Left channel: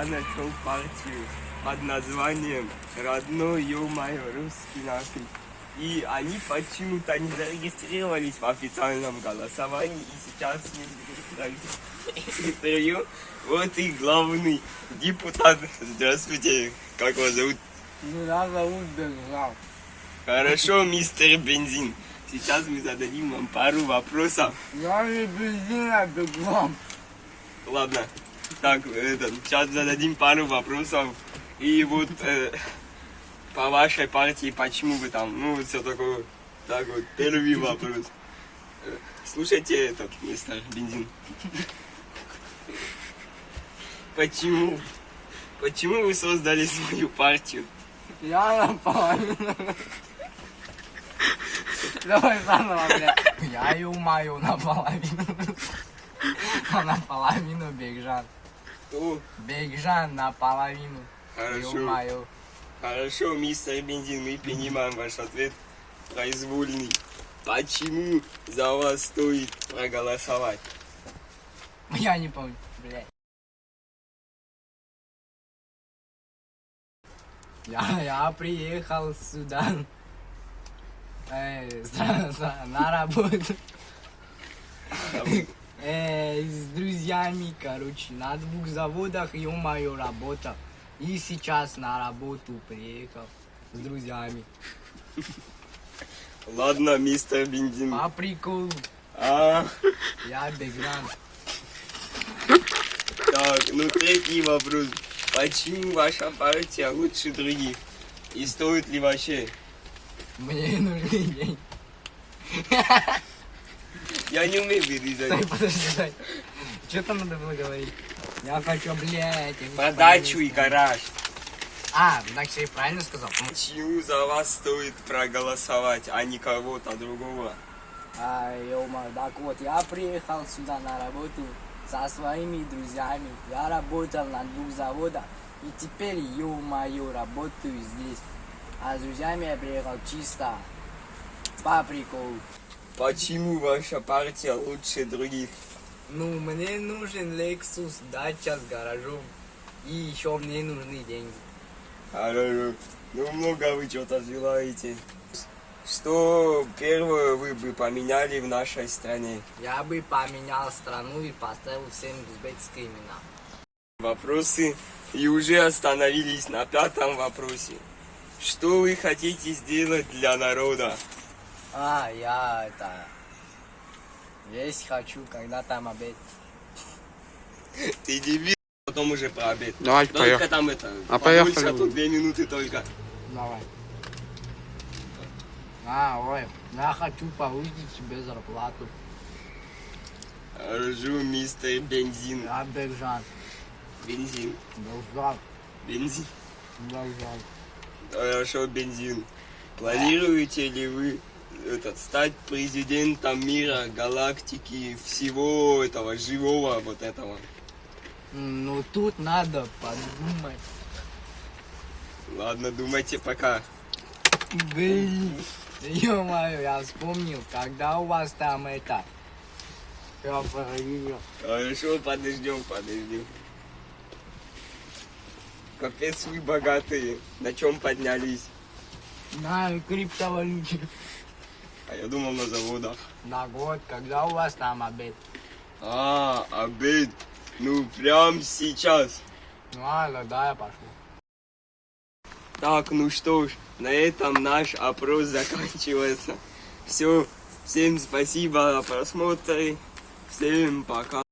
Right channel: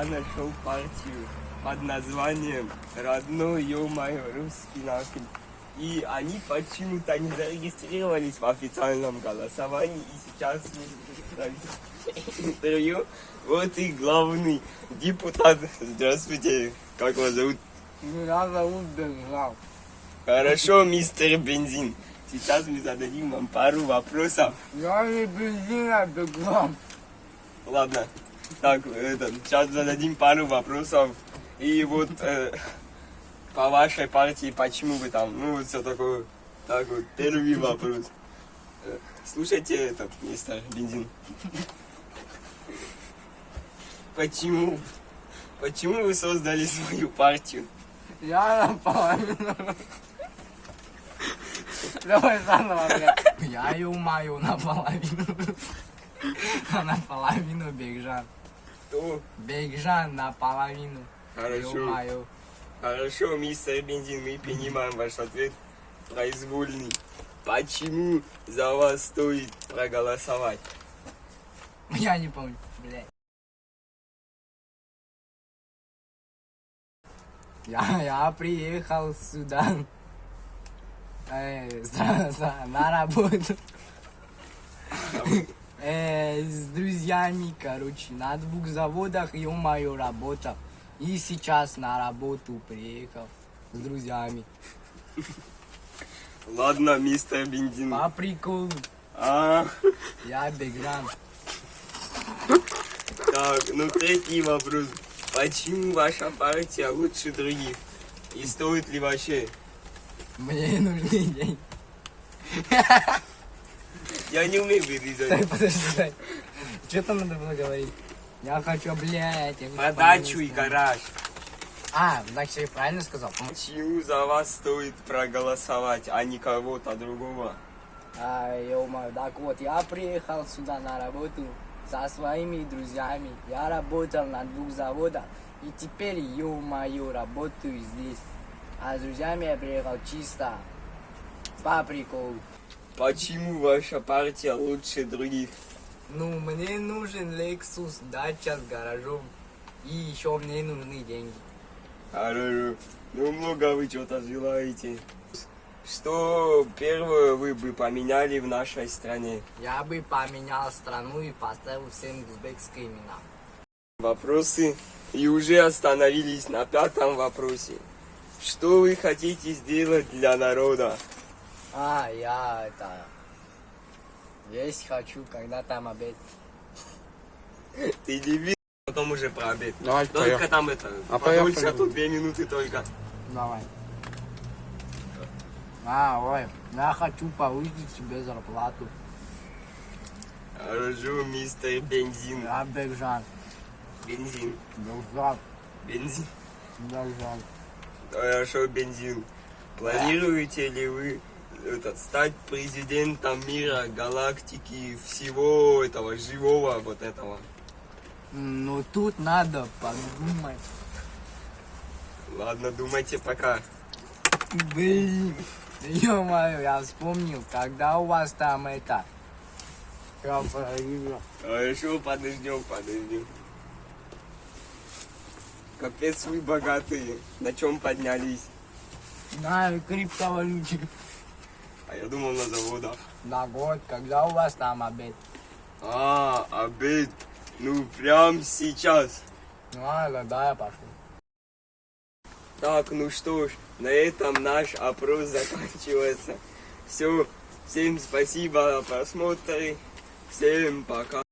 я нашел партию под названием «Родной, ё-моё, русский нахуй». И они почему-то не зарегистрировались в официальном голосовании. И сейчас мы интервью. Вот и главный депутат. Здравствуйте, как вас зовут? Меня зовут Бензин. Хорошо, мистер Бензин. Сейчас мы зададим вам пару вопросов. Я не бензин, а беглом. Ладно. Так, сейчас зададим пару вопросов. И вот по вашей партии, почему вы там, ну, все такое. Так вот, первый вопрос. Слушайте этот, мистер Бензин. Почему вы создали свою партию? Я наполовину. Давай заново, блядь. Я ё-моё наполовину. А наполовину Бекжан. О, Бекжан наполовину. хорошо. Ё-моё. Хорошо, мистер Бензин, мы принимаем ваш ответ произвольный. Почему за вас стоит проголосовать? Я не помню, блядь. Я приехал сюда на работу с друзьями, короче, на 2 заводах, ё-моё, работал. И сейчас на работу приехал с друзьями. Ладно, мистер Бензин. По приколу, А, я Бекжан. так, ну третий вопрос. Почему ваша партия лучше других? И стоит ли вообще? Мне нужны деньги. Я не умею Дай, вырезать. подожди, дай. Что там надо было говорить? Я хочу, блядь. я не Подачу и помню. гараж. А, так я правильно сказал? Почему за вас стоит проголосовать, а не кого-то другого? Ё-моё, так вот, я приехал сюда на работу со своими друзьями. Я работал на 2 заводах. И теперь, ё-моё, работаю здесь. А с друзьями я приехал чисто по приколу. Почему ваша партия лучше других? Ну, мне нужен Lexus, дача с гаражом. И еще мне нужны деньги. Хорошо. Ну, много вы что-то желаете. Что первое вы бы поменяли в нашей стране? Я бы поменял страну и поставил всем узбекские имена. Вопросы. И уже остановились на 5-м вопросе. Что вы хотите сделать для народа? Я есть хочу, когда там обед. Ты не видишь, потом уже по обед. Давайте, Только поехали. там это. А подольше, поехали. а то 2 минуты только. Давай. Ой, я хочу повысить себе зарплату. Хорошо, мистер Бензин. Я Бекжан. Бензин. Бекжан. Бензин. Бекжан. Хорошо, Бензин. Планируете ли вы стать президентом мира, галактики, всего этого живого вот этого? Ну тут надо подумать. Ладно, думайте пока. Блин. Ё-моё, я вспомнил, когда у вас там это... Я проверил. Хорошо, подождем. Капец, вы богатые. На чем поднялись? На криптовалюте. А я думал на заводах. На год, когда у вас там обед? А, обед. Ну, прям сейчас. Ну ладно, да, я пошел. Так, ну что ж, на этом наш опрос заканчивается. Все, всем спасибо за просмотр. Всем пока.